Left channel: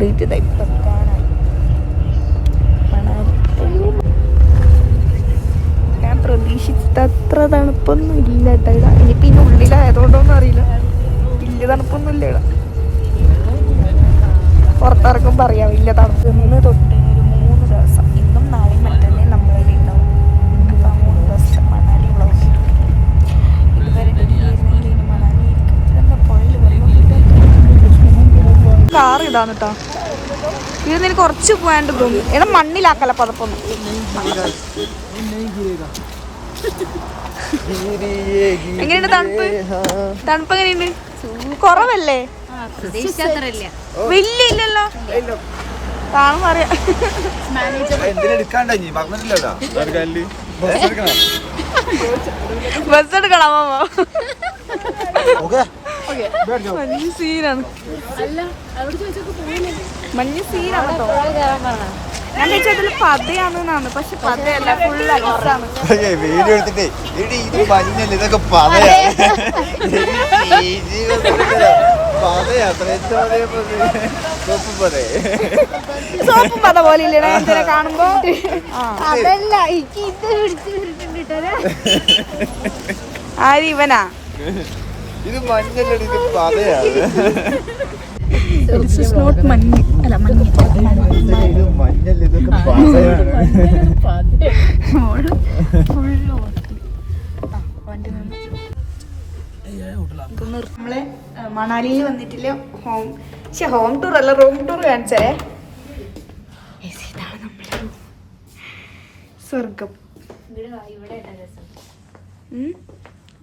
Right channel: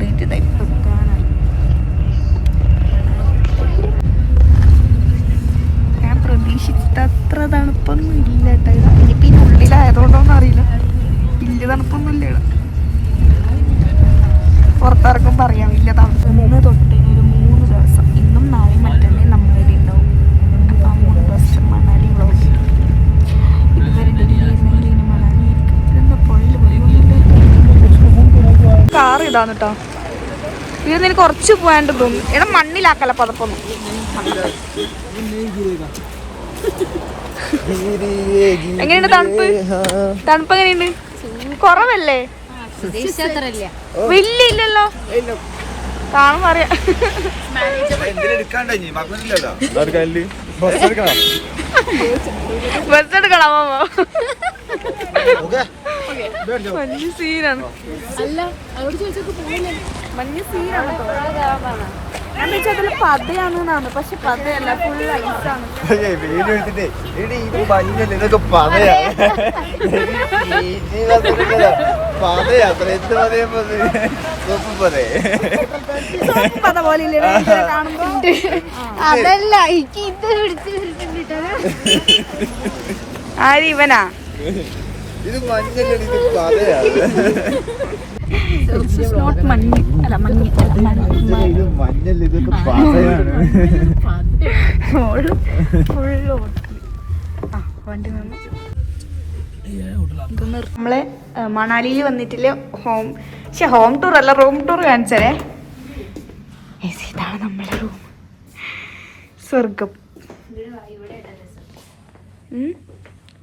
കയറിയിട്ട് വെക്കാനായി. ഞാൻ പ്രതീക്ഷിച്ചത്ര തണുപ്പൊന്നും ഇല്ല കേട്ടോ. ഇതാ ഇനിയിപ്പോൾ ഇതിൻ്റെ ഉള്ളിലായതുകൊണ്ടോന്നും അറിയില്ല, വലിയ തണുപ്പൊന്നും ഇല്ല ഇവിടെ. പുറത്തിറക്കുമ്പോൾ അറിയാം വലിയ തണുപ്പ്. ഇന്ന് തൊട്ട് ഒരു 3 ദിവസം, ഇന്നും നാളെയും മറ്റന്നേ നമ്മളിവിടെ ഉണ്ടാവും. അപ്പോൾ ആ 3 ദിവസം മണാലി വ്ളോഗ്. ഇതുവരെ ഡൽഹി ആയിരുന്നെങ്കിൽ ഇനി മണാലി ആയിരിക്കും. ഇതെന്താ പുഴയിൽ കാർ ഇതാണ് കേട്ടോ. ഇത് നിനക്ക് കുറച്ച് പോയാണ്ട് തോന്നുന്നു. ഏതാ മണ്ണിലാക്കല്ല പതപ്പൊന്നും. എങ്ങനെയുണ്ട് തണുപ്പ്? തണുപ്പ് എങ്ങനെയുണ്ട്? കുറവല്ലേ? വലിയ ഇല്ലല്ലോ. കാണുമ്പോ അറിയാം. ബസ് എടുക്കണം മാമ. മഞ്ഞ് സീനാണ്. മഞ്ഞ് സീനാണ് കേട്ടോ. ഞാൻ ചോദിച്ചതിൽ പതയാണെന്നാണ്, പക്ഷെ പതയല്ല, ഫുൾ ഐസാണ്. സോപ്പും പത പോലെ ഇല്ലേ കാണുമ്പോ? ആര് ഇവനാ? നോട്ട് മഞ്ഞ് അല്ല മഞ്ഞ് നമ്മളെ മണാലിയിൽ വന്നിട്ടില്ലേ ഹോം ടൂർ അല്ല, റൂം ടൂർ കാണിച്ചേ. ഇതാണ് നമ്മളെ റൂം. സ്വർഗം.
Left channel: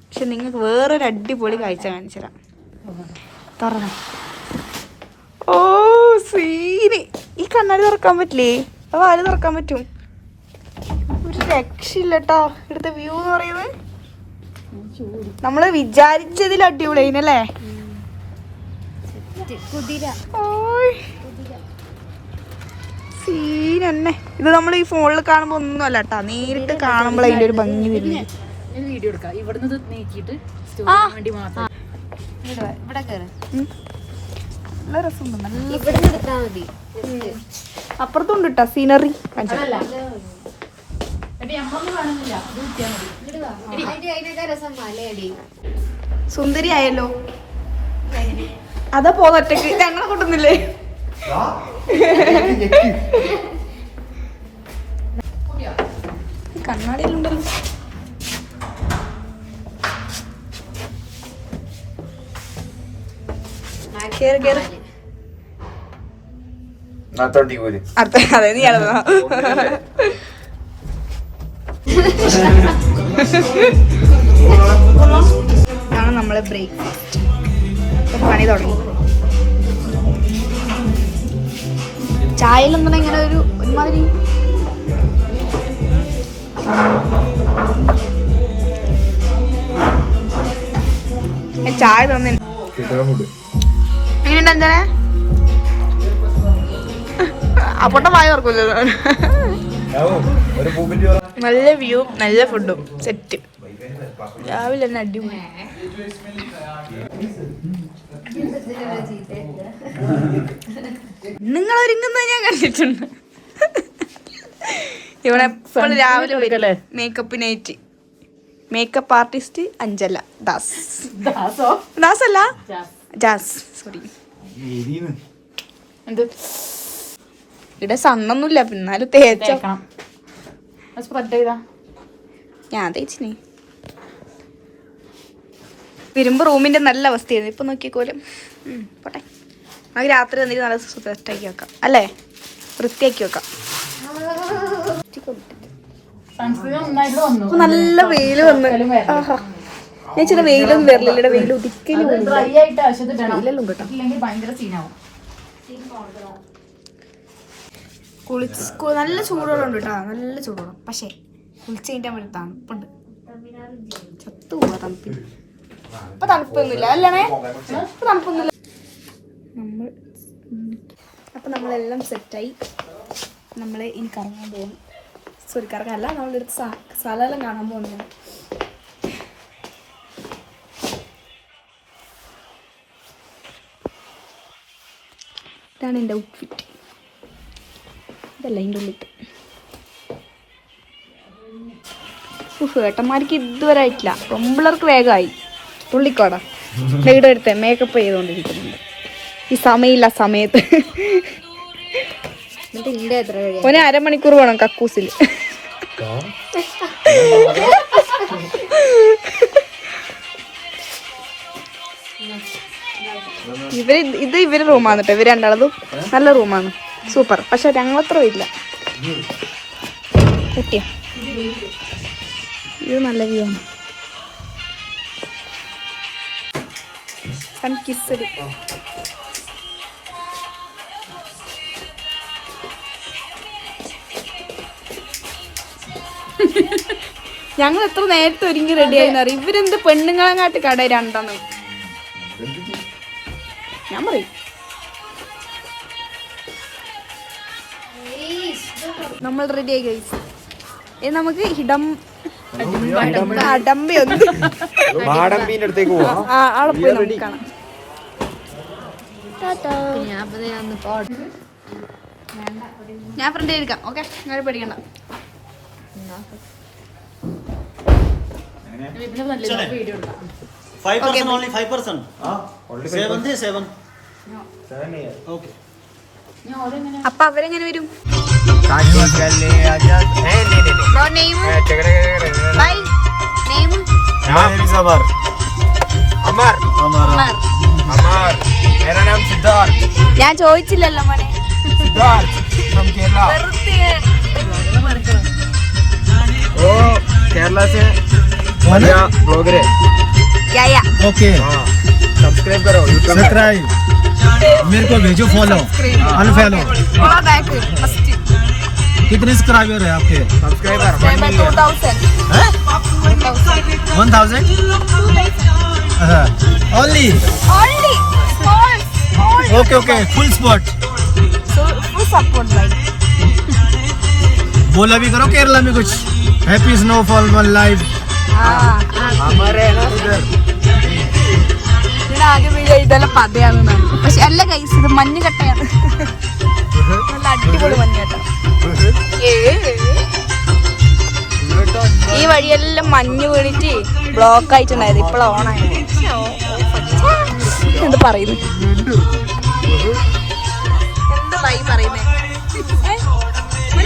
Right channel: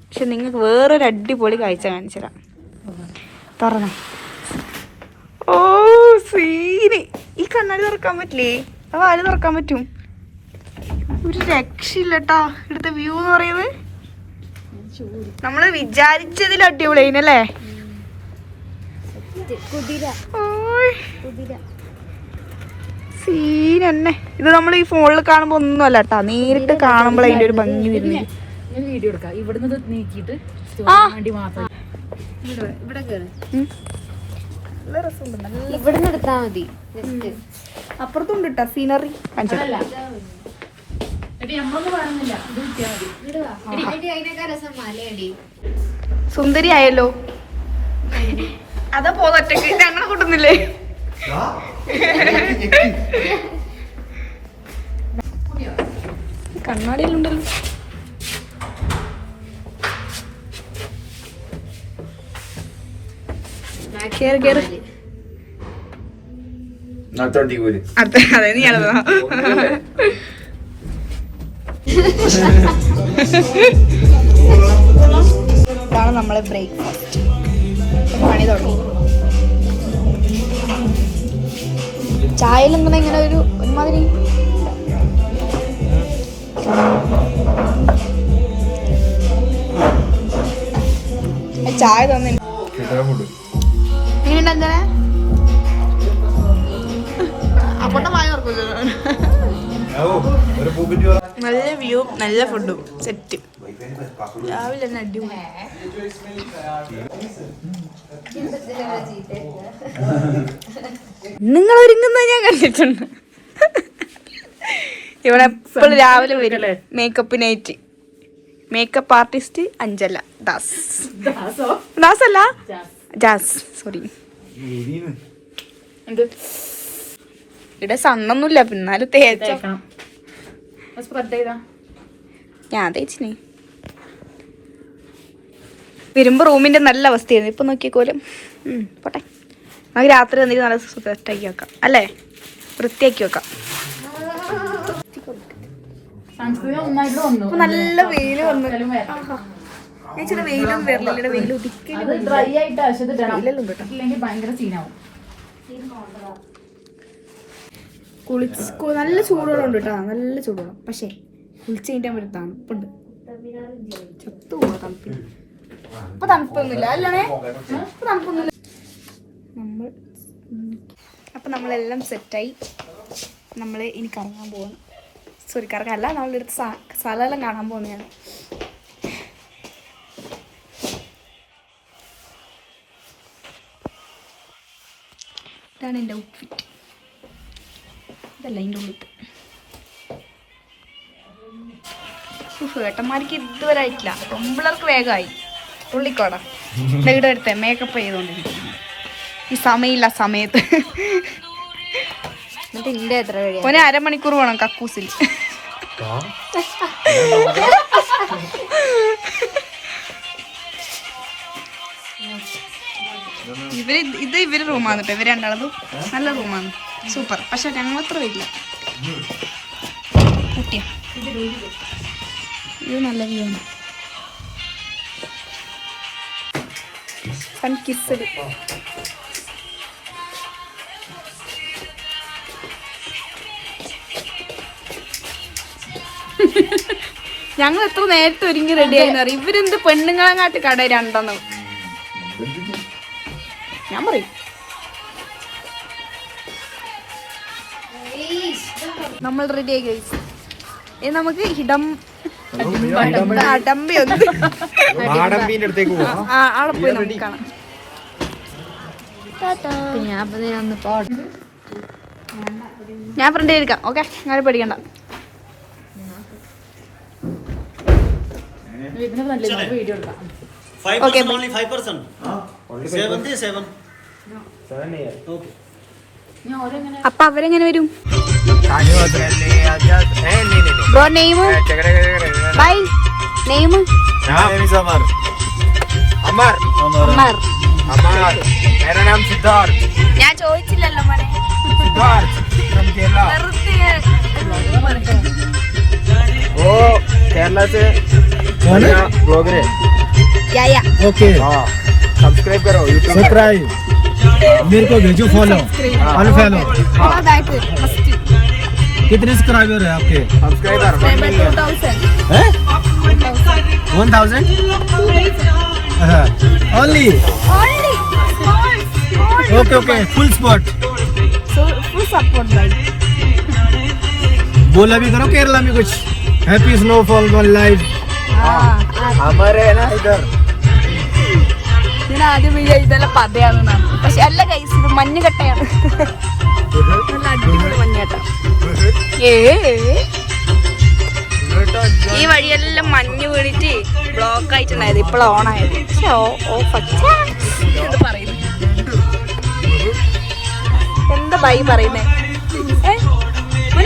പക്ഷെ നിങ്ങൾക്ക് വേറൊരു അടിപൊളി കാഴ്ച കാണിച്ചുതരാം. തുറന്നോ. ഓ സീന്. ഈ കണ്ണാടി തുറക്കാൻ പറ്റില്ലേ? അത് ആര് തുറക്കാൻ പറ്റും? ഒരു രക്ഷയില്ല കേട്ടോ. ഇവിടുത്തെ വ്യൂ എന്ന് പറയുന്നത് നമ്മള് വിചാരിച്ചതിൽ അടിപൊളിയായിനല്ലേ? സീനെന്നെ. ഇത് നമ്മൾ ഈ ഫോണിൽ കാണുമ്പോ ഒന്നും അല്ല കേട്ടാ, നേരിട്ട് കാണുമ്പോൾ അതിന്റെ ഒരു ഭംഗി വരുന്നത്. അപ്പുറത്തുണ്ട് കേട്ടോ സീനറി. സുന്ദരി ആയല്ലോ. അതാ പോന്നൊറ്റക്ക് ഞങ്ങളെ കൂട്ടുന്നില്ലേ? കണ്ണാടിയിലുണ്ടല്ലോ. കേറ് കേറ്. അതെ നീ അല്ല. ഇതാണ് നമ്മളെ ബ്രേക്ക്ഫാസ്റ്റ്. പണി തുടങ്ങി. ചായയിലെന്താ ഇങ്ങനെ ഒരുമാതിരി ചായ തന്നെ. എങ്ങനെയുണ്ട് അഞ്ചനെ? അപ്പൊട്ട വായ തുറക്കൂല്ലോ. നല്ല വ്യൂ, നല്ല ഫുഡും സെറ്റ്. രാവിലെ തന്നെ അടിപൊളി. നിങ്ങൾ ഒരുങ്ങുന്ന ഞാൻ കണ്ടിട്ടുണ്ട്. ഇവിടെ എപ്പോഴും രാവിലെ വരും മേക്കപ്പിനായിട്ട്. Makeup artist Anjala Das. ദാസല്ല ജാസ്, സോറി. ഇവിടെ സണ്ണൊന്നുമില്ല, പിന്നാലും തേച്ച ഞാൻ തേച്ചിനെ. വരുമ്പോ റൂമിന്റെ നല്ല അവസ്ഥയായിരുന്നു. ഇപ്പൊ നോക്കിക്കോലും. പോട്ടെ, നമുക്ക് രാത്രി വന്നിട്ട് നല്ല സെറ്റാക്കി വെക്കാം അല്ലേ? വൃത്തിയാക്കി വെക്കാം. നല്ല വെയില് വന്ന്. ആഹാ, ഞാൻ ചില വെയിലൊന്നും വരില്ല. വെയിൽ ഒതുക്കലും വെയിലെല്ലാം കേട്ടോ. നല്ല ചൂടുവെള്ളം ഉണ്ട് കേട്ടോ, നല്ല ചൂടുവെള്ളം. പക്ഷേ കുളിച്ച് കഴിഞ്ഞാൽ ഒരു തണുപ്പുണ്ട്. ചത്തു പോവാ തണുപ്പിന്. ഇപ്പൊ തണുപ്പൊന്നുമില്ല അല്ലേ? ഇപ്പൊ തണുപ്പൊന്നുമില്ല. അപ്പം നമ്മളെല്ലാം സെറ്റായി. നമ്മൾ ഇനി കറങ്ങാൻ പോകാം. സോറി, കറങ്ങാനല്ല, നമ്മളെടുത്ത് സ്ഥലമെല്ലാം കാണാൻ പോകുന്നതാണ്. ഇതാണ് എൻ്റെ ഔട്ട്ഫിറ്റ്. ഇതല്ല എൻ്റെ ഉള്ളിൽ. ഏട്ടന്മാർക്ക് ഇതുവരെ ആയിട്ടില്ല. പെമ്പിള്ളേർക്ക് വേഗമായി. തുള്ളിക്കോടാ ഇവിടെ എടുത്തേ മേക്കപ്പ് ചെയ്തുകൊണ്ടിരിക്കുന്നുണ്ട് ഈ സമയമില്ല സമയത്ത്. ഒരു അരമണിക്കൂർ വേണം കക്കൂസിൽ. ഇവര് റൂമാണ് കേട്ടോ. ഇവര് രണ്ടാളതും നല്ല റൂമാണ്, സൂപ്പർ. പക്ഷെ ഞങ്ങളത്ര ഇല്ല. കുട്ടിയാ ഇത് നല്ല വ്യൂ ആണ്. Sun kissed. ഞങ്ങൾ എത്ര നേരത്തെ ഒരുങ്ങി റെഡിയായിന്ന് അറിയാം. ഇവരെന്ത് പെണ്ണുങ്ങളെങ്ങാട്ട് കട രണ്ടെണ്ണം. ഞാൻ പറയും നമ്മൾ റെഡിയായി ഗൈസ്. നമുക്ക് അടമ്പി ആളെ പോയി നമുക്ക് കാണാം. ഞാൻ ഫ്രണ്ട് എടുക്കാം. ഓക്കെ, അങ്ങനെ പേടിക്കണ്ട. അപ്പൊ അവരെങ്ങനെ വരും? ബ്രോ നെയിം ബൈ നെയിം ഞാൻ ചോദിച്ചില്ലല്ലോ മോനെ. केरला से ब्लॉगर है। ओके सब्सक्राइब करो सब्सक्राइब मेरे को भेजो फॉलो अनफॉलो। कितने सब्सक्राइबर है आपके? Subscriber 1000 only okay okay full support बोला भी करो केरला में कुछ हैप्पी स्नोफॉल वन लाइफ हमारे है ना इधर। ഇതെല്ലാം പതയാണെന്നാണ്. പക്ഷെ അല്ല ഗൈസ്, ഇത് മഞ്ഞുകട്ടയാണ്. നല്ല അടിപൊളി മഞ്ഞുകട്ട. ഈ വഴിയെല്ലാം മഞ്ഞ് വീണിട്ട് ബ്ലോക്ക് ആയിട്ടുണ്ടായത്. ഇപ്പോഴാണ് ഓണായത്. എന്ത് പറയുന്നു? എന്താ ബൈ പറയുന്നേ?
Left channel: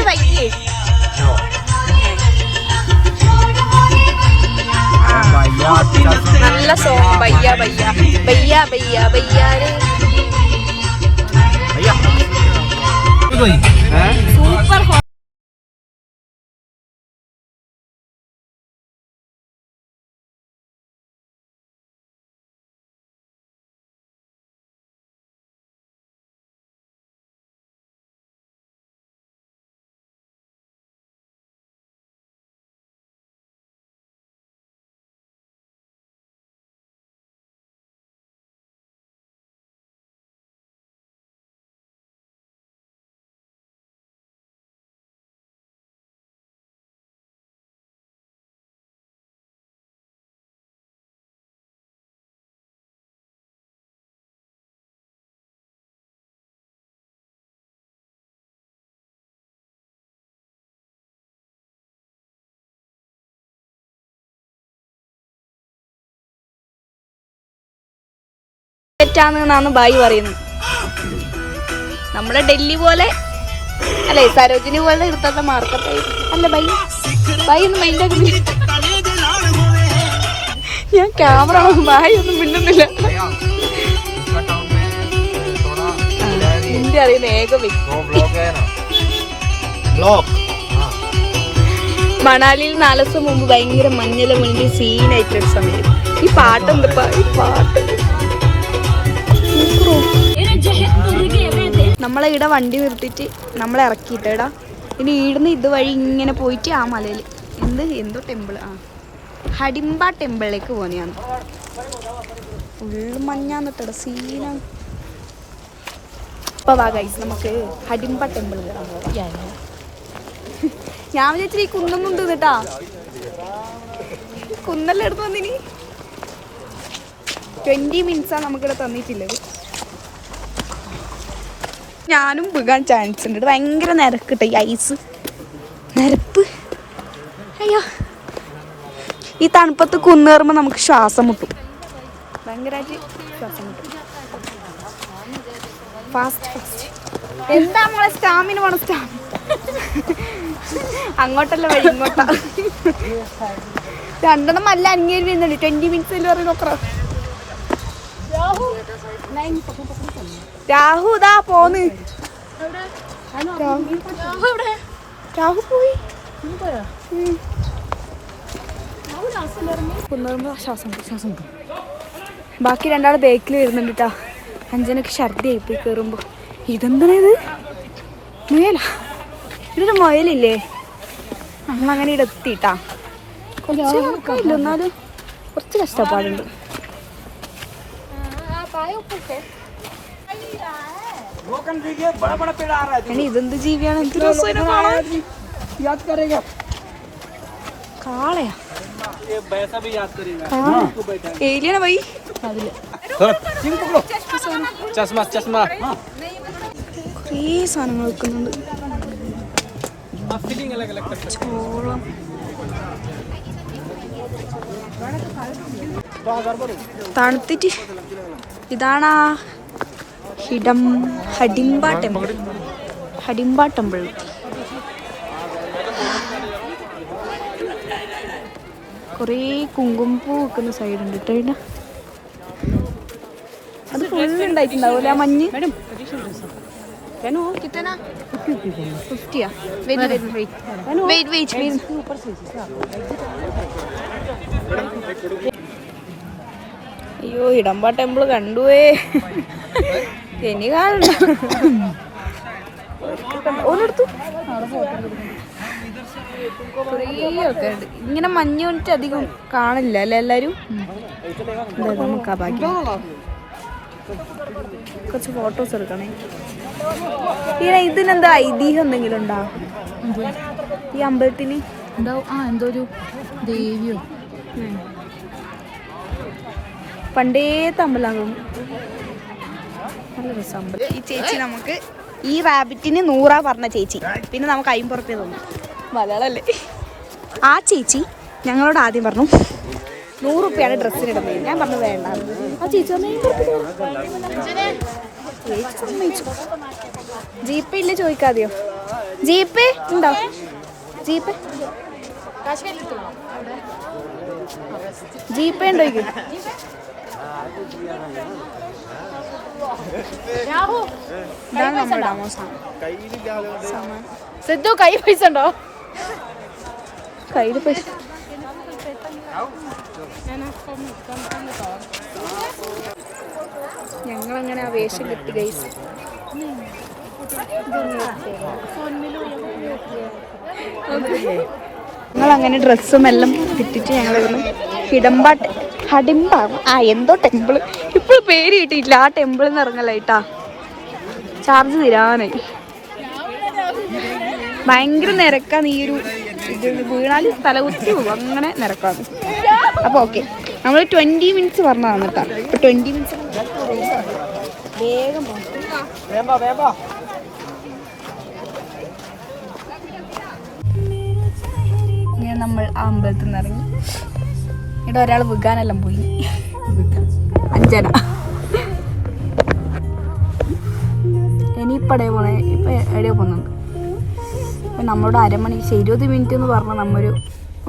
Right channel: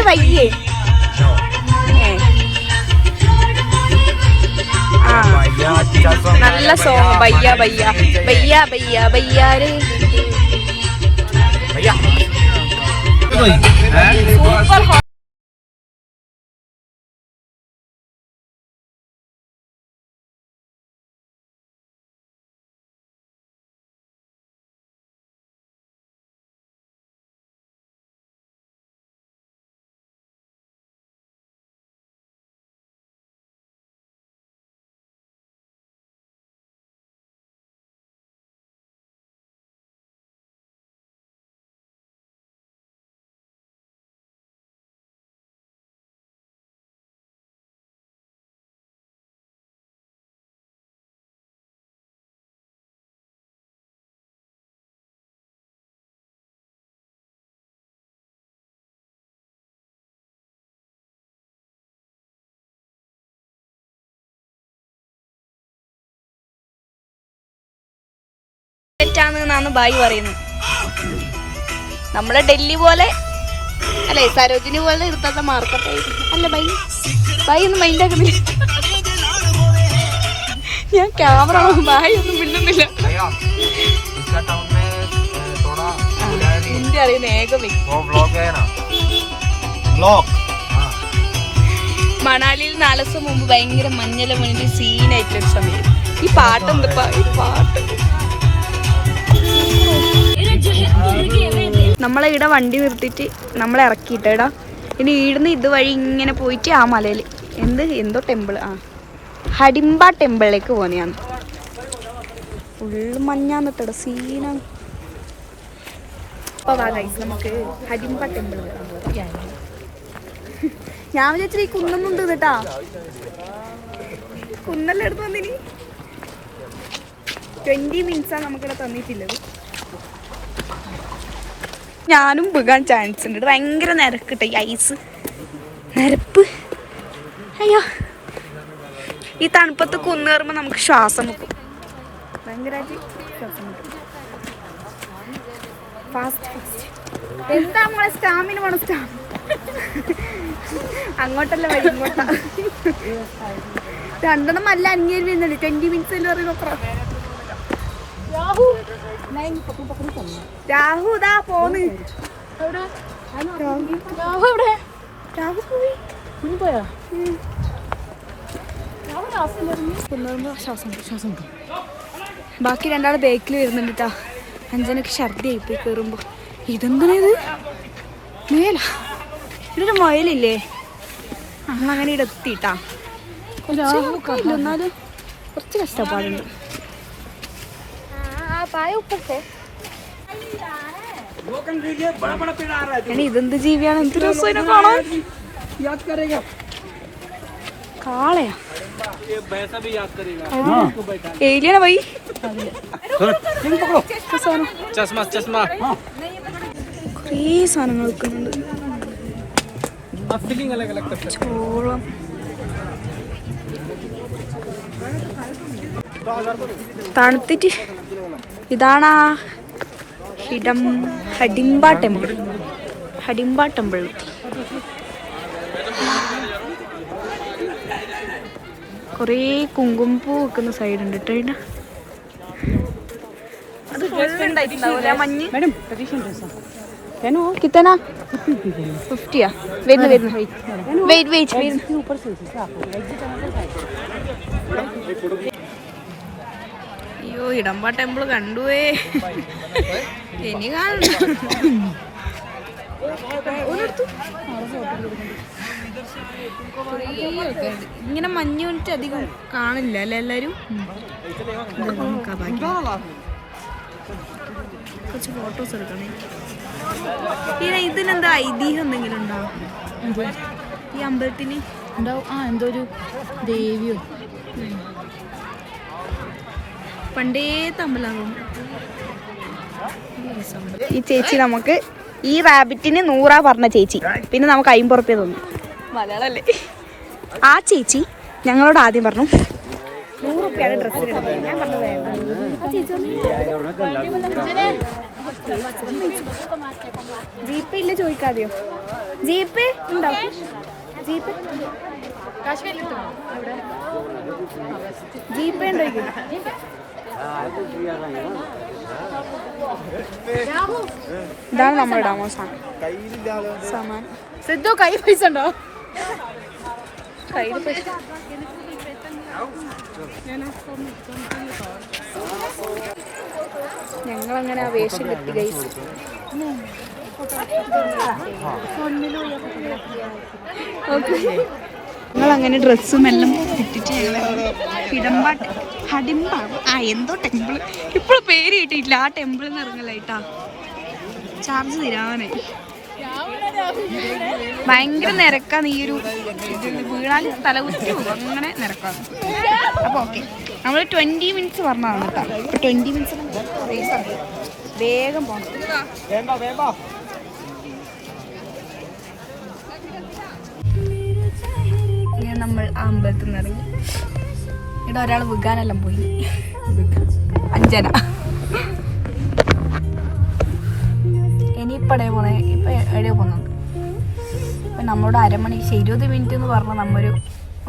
വൈകിയേ നല്ല സോങ്. ബയ്യ ബയ്യ ബയ്യ ബയ്യ ബയ്യാരേ സൂപ്പർ. തെറ്റാണെന്നാണ് ബായി പറയുന്നത്. നമ്മുടെ ഡൽഹി പോലെ അല്ലേ, സരോജിനി പോലെ എടുത്താത്ത മാർക്കറ്റ് അല്ല ബൈ. ബൈ ഒന്നും മൈൻഡാക്കുന്നില്ല. ഞാൻ ക്യാമറ ബായി ഒന്നും മിണ്ടുന്നില്ല. ഹിന്ദി അറിയുന്ന ഏക വ്യക്തി. മണാലിയിൽ 4 ദിവസം മുമ്പ് ഭയങ്കര മഞ്ഞെല്ലാം വീണിട്ട് സീനായിട്ടുള്ളൊരു സമയം. ഈ പാട്ട് എന്തിപ്പാ? ഈ പാട്ട് നമ്മളെ ഇവിടെ വണ്ടി നിർത്തിയിട്ട് നമ്മളെ ഇറക്കിയിട്ടാ. ഇനി ഈടുന്ന് ഇതുവഴി ഇങ്ങനെ പോയിട്ട് ആ മലയിൽ എന്തോ ടെമ്പിൾ, ഹഡിംബ ടെമ്പിളിലേക്ക് പോകുന്നതാണ്. ഫുള്ള് മഞ്ഞാന്നിട്ടട സീനാണ്. ഇപ്പോൾ വാ ഗൈസ്, നമുക്ക് ഹഡിംബ ടെമ്പിൾ കയറാൻ പോകാം. ഞാൻ വിചാരിച്ചിട്ട് ഈ കുന്നൊന്നുണ്ട് കേട്ടാ. കുന്നെല്ലാം എടുത്ത് വന്നിനി 20 മിനിറ്റ്സാണ് നമുക്കിവിടെ തന്നിട്ടുള്ളത്. ഞാനും വീകാൻ ചാൻസ് ഉണ്ട്. ഇത് ഭയങ്കര നിരക്കിട്ടെ ഈ ഐസ് നിരപ്പ്. അയ്യോ ഈ തണുപ്പത്ത് കുന്നേറുമ്പോൾ നമുക്ക് ശ്വാസം മുട്ടും, ഭയങ്കരമായിട്ട് ശ്വാസം മുട്ടും. ഫാസ്റ്റ് ഫാസ്റ്റ് എന്താ നമ്മളെ സ്റ്റാമിന വേണം. അങ്ങോട്ടല്ല വഴി, ഇങ്ങോട്ടാ. രണ്ടെണ്ണം നല്ല അന്യം 20 മിനിറ്റ്സ് പറയുന്നത് നോക്കാം. രാഹു ഇതാ പോന്ന്. രാഹു പോയി. ശ്വാസം ബാക്കി രണ്ടാൾ ബേക്കിൽ വരുന്നുണ്ട് കേട്ടാ. അഞ്ജനക്ക് ഛർദി ആയിപ്പോയി കയറുമ്പോ. ഇതെന്താ ഇത്? മുയല. ഇതൊരു മുയലില്ലേ? നമ്മളങ്ങനെ ഇവിടെ എത്തിട്ടാ. കുറച്ച് എന്നാലും കുറച്ച് കഷ്ടപ്പാടുണ്ട്. ഇതെന്ത് ജീവിയാണ്? എന്ത് രസം കാണാൻ. കാളയാ ഏലിയാണ് പോയി. കുറേ സാധനങ്ങൾ വെക്കുന്നുണ്ട്. ചോളം, തണുത്തിട്ട്. ഇതാണാ ഹഡിംബ ടെമ്പിൾ. കുറേ കുങ്കുമപ്പൂ വെക്കുന്ന സൈഡുണ്ട് കേട്ടോ. അതിന് അത് ഫുള്ളുണ്ടായിട്ടുണ്ടാവൂലെ ആ മഞ്ഞ്. കിത്തനാ 50യാ വരുന്നു. വെയിറ്റ്. അയ്യോ ഹിഡംബ ടെമ്പിൾ കണ്ടുവേ. ഇനി കാണണ്ട. ഓനെടുത്തു. ഇങ്ങനെ മഞ്ഞ് കൊണ്ടിട്ട് അധികം കാണില്ല അല്ലേ എല്ലാരും. ബാക്കി കുറച്ച് ഫോട്ടോസ് എടുക്കണേ. ഇതിനെന്താ ഐതിഹ്യം എന്തെങ്കിലും ഉണ്ടോ ഈ അമ്പലത്തിന്? എന്തോ ഒരു ദേവിയോ പണ്ടേത്തെ അമ്പലം തോന്നുന്നു. നല്ല രസം അമ്പലം. ഈ ചേച്ചി നമുക്ക് ഈ റാബിറ്റിന് 100 പറഞ്ഞ ചേച്ചി പിന്നെ നമുക്ക് 50 റുപ്യ തന്നു. മലയാളല്ലേ. ആ ചേച്ചി ഞങ്ങളോട് ആദ്യം പറഞ്ഞു 100 റുപ്യാണ് ഡ്രസ്സിനിടുന്നത്. ഞാൻ പറഞ്ഞു വേണ്ട. ആ ചേച്ചി ജീപ്പ് ഇല്ല ചോദിക്കാതെയോ? ജീപ്പ് ഉണ്ടോ? ജീപ്പ് ജീപ്പ് ഉണ്ടോ? ഇതാണ് നമ്മൾ ഇടാമോ സാമാനം. സിദ്ധു കൈ പൈസ ഉണ്ടോ? കയ്യിൽ പൈസ. ഞങ്ങളങ്ങനെ ആ വേഷം കെട്ടി ഗൈസ്. ഞങ്ങളങ്ങനെ ഡ്രസ്സും എല്ലാം കിട്ടിട്ട് ഞങ്ങൾ ഹഡിംബ എന്തോ ടെമ്പിള് ഇപ്പോൾ പേര് കിട്ടിയിട്ടില്ല. ആ ടെമ്പിളിൽ നിന്ന് ഇറങ്ങലായിട്ടാ. ചാർജ് തരാനായി. ഭയങ്കര നിരക്കാണ് ഈ ഒരു ഇത്. വീണാൽ തലകുത്തി പോകും, അങ്ങനെ നിരക്കാണ്. അപ്പോൾ ഓക്കെ നമ്മൾ 20 മിനിറ്റ്സ് പറഞ്ഞതാണ് കേട്ടോ. ഇപ്പോൾ 20 മിനിറ്റ്സ് വേഗം പോകണം. ഇങ്ങനെ നമ്മൾ ആ അമ്പലത്തിൽ നിന്ന് ഇറങ്ങി. ഇവിടെ ഒരാൾ വിൽക്കാനെല്ലാം പോയി. അഞ്ജന ഇനിയിപ്പോൾ എവിടെയോ പോണേ. ഇപ്പം എവിടെയോ പോകുന്നുണ്ട്. നമ്മളോട് 20 മിനിറ്റ് എന്ന് പറഞ്ഞാൽ നമ്മൊരു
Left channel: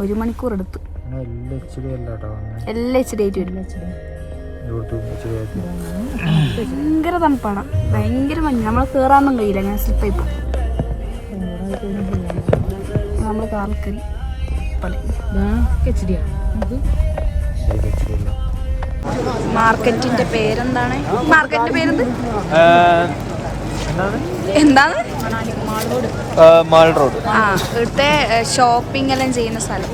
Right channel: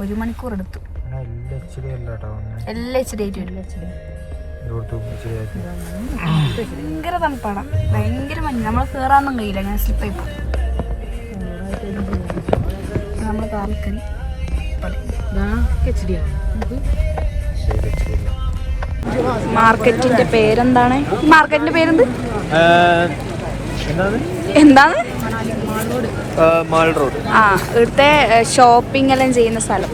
1 മണിക്കൂർ എടുത്തു. എല്ലാം HD ആയിട്ട് വരും. ഭയങ്കര തണുപ്പാണ്, ഭയങ്കര മഞ്ഞ്. നമ്മൾ കയറാനൊന്നും കഴിയില്ല, അങ്ങനെ സ്ലിപ്പായി പോകും. നമ്മൾ കാറിൽ കയറി. മാർക്കറ്റിന്റെ പേരെന്താണ്? മാർക്കറ്റിന്റെ പേരെന്ത്? എന്താണ്? ആ ഇവിടുത്തെ ഷോപ്പിംഗ് എല്ലാം ചെയ്യുന്ന സ്ഥലം.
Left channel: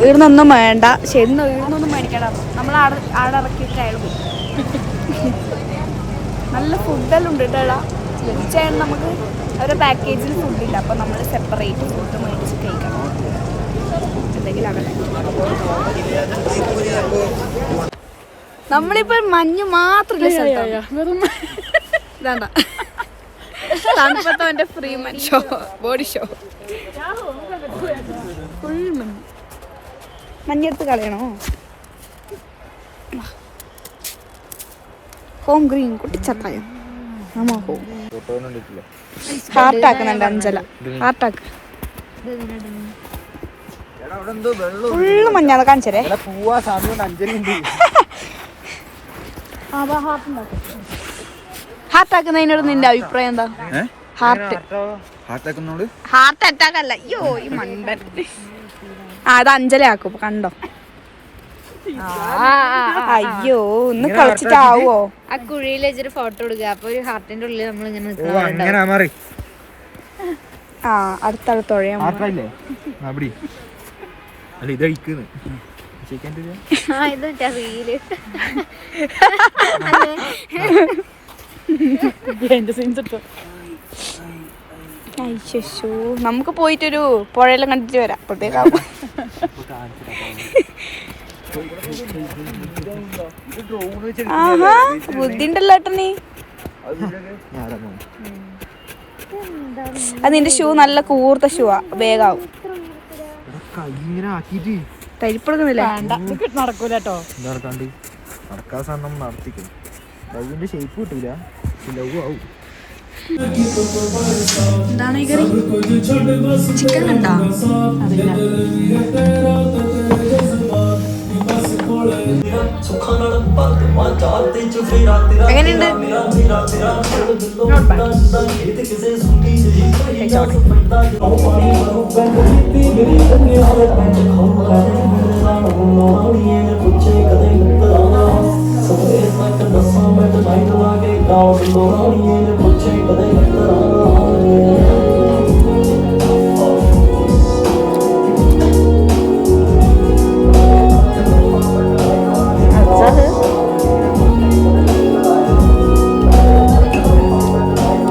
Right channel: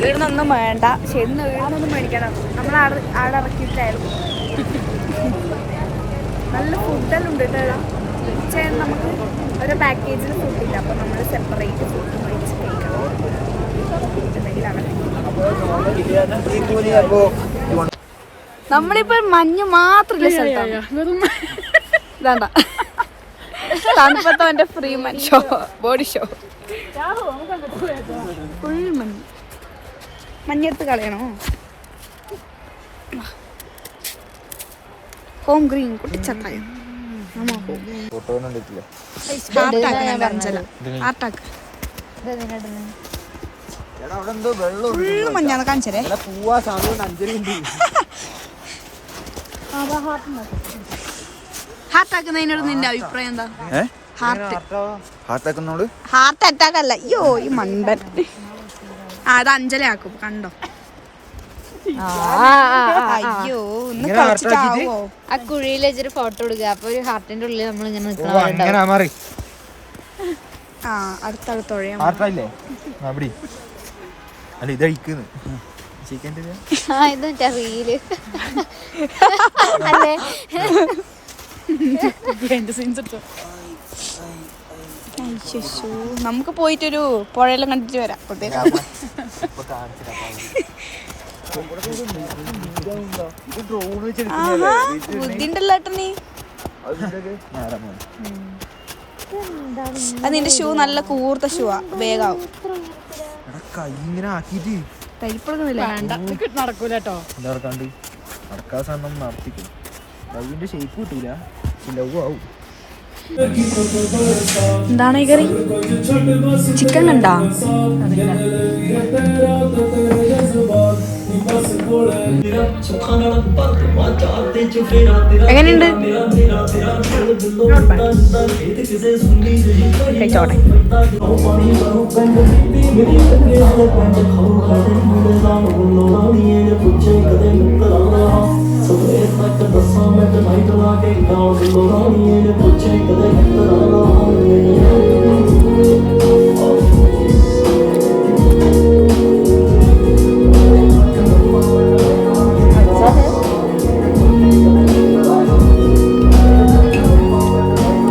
ഇവിടുന്നൊന്നും വേണ്ട. ശരി, ഇവിടുന്നൊന്നും മേടിക്കണം. നമ്മൾ ആടെ ഇറക്കിയിട്ട് അയാൾ പോയി. നല്ല ഫുഡെല്ലാം ഉണ്ട് കേട്ടോ. തീർച്ചയായും നമുക്ക് ഒരു പാക്കേജിൽ ഫുഡില്ല. അപ്പോൾ നമ്മൾ സെപ്പറേറ്റ് ഫുഡ് മേടിച്ച് കഴിക്കണം. എന്തെങ്കിലും അങ്ങനെ നമ്മളിപ്പോ മഞ്ഞ് മാത്രല്ല സ്ഥലത്താണ്. ഇതാണ്ട തണുപ്പത്തവന്റെ free show, body show. Full മഞ്ഞ്. മഞ്ഞെടുത്ത് കളയണോ? ഹോം ഗ്രീൻ കുട്ടിച്ചത്തായി. ഹാർട്ടാക്കുന്നുണ്ട് അഞ്ചല. ഹാർട്ടാക്ക്. ഫുള്ള് മഞ്ഞാണ് കാണിച്ചേ. ഹാർട്ടാക്കുന്നതിനോട് നിന്റെ അഭിപ്രായം എന്താ? ഹാർട്ട് അറ്റാക്ക് അല്ല. അയ്യോ ഈ മണ്ടൻ. അത് അഞ്ചലയാക്കും കണ്ടോ. അയ്യോ ഒന്ന് കളിച്ചിട്ടാവോ? ആ കുഴിയിൽ വെച്ചൊരു ഫോട്ടോ എടുക്കുക. അപ്പൊ ഒരു ഹാർട്ടിന്റെ ഉള്ളിൽ നമ്മൾ ഇങ്ങനെ ആ അടുത്തടുത്തൊഴയാ. റീല് അയ്യോ നമുക്ക് പോയിട്ടൊരു പുഴയെല്ലാം കണ്ടിട്ട് വരാം. അപ്പോഴത്തേക്കാവും ആഹാ ബുദ്ധിണ്ടല്ലോ ഏട്ടനീ. അത് നിന്റെ ഷൂ നല്ല കൂർത്ത ഷൂ ആ, വേഗാവും. തരിപ്പെടുക്കുന്നില്ല. എന്താണ് ഈ കറി? ചിക്കൻ കണ്ടാ? എങ്ങനെയുണ്ട്? കഴിച്ചോട്ടെ. So it's like the summer, the night, the